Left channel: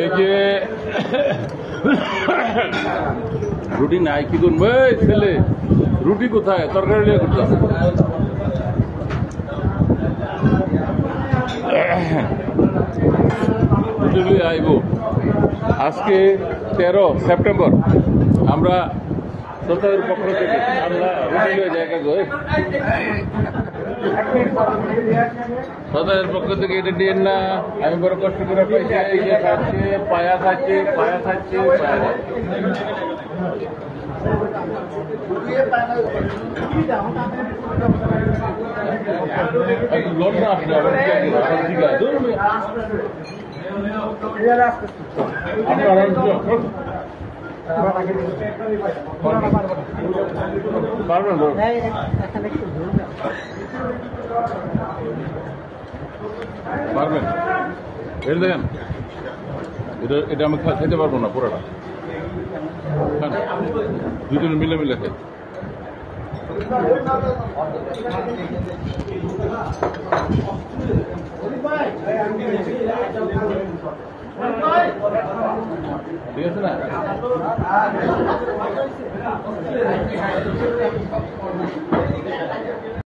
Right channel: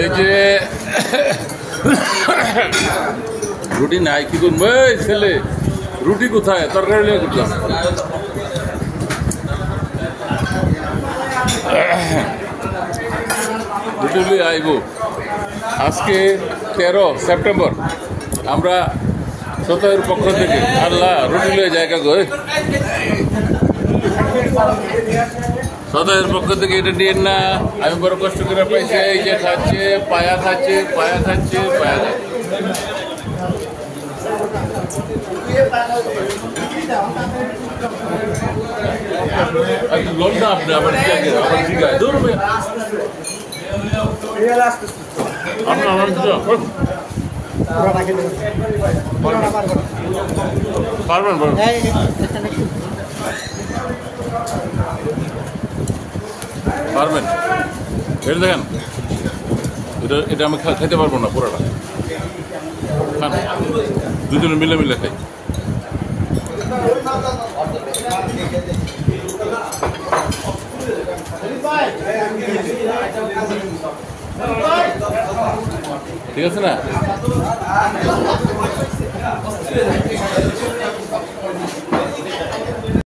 এই যে রুটি নাই কি করবো ছেলে রুটি কোথায় তরকারি নিয়ে করতাম রুটি নিয়ে আইব আজকে 13 সেপ্টেম্বর আমরা সতের পক্ষ থেকে আল্লাহ রুটি নিয়ে জায়গা গো সদায়ের পক্ষ থেকে এটা নিয়ে না আমি বড় কষ্ট করে পাইছি এই যে খাচ্ছে পায়া খাচ্ছে পায়া খাচ্ছে পায়া খাচ্ছে লোন না আপনি আবার পারবেন পারবেন এটা দেখেন এটা আমি খাইতে পারবো না পুরোটা খান দুজনে মিলে মিলে খাই ঠিক আছে না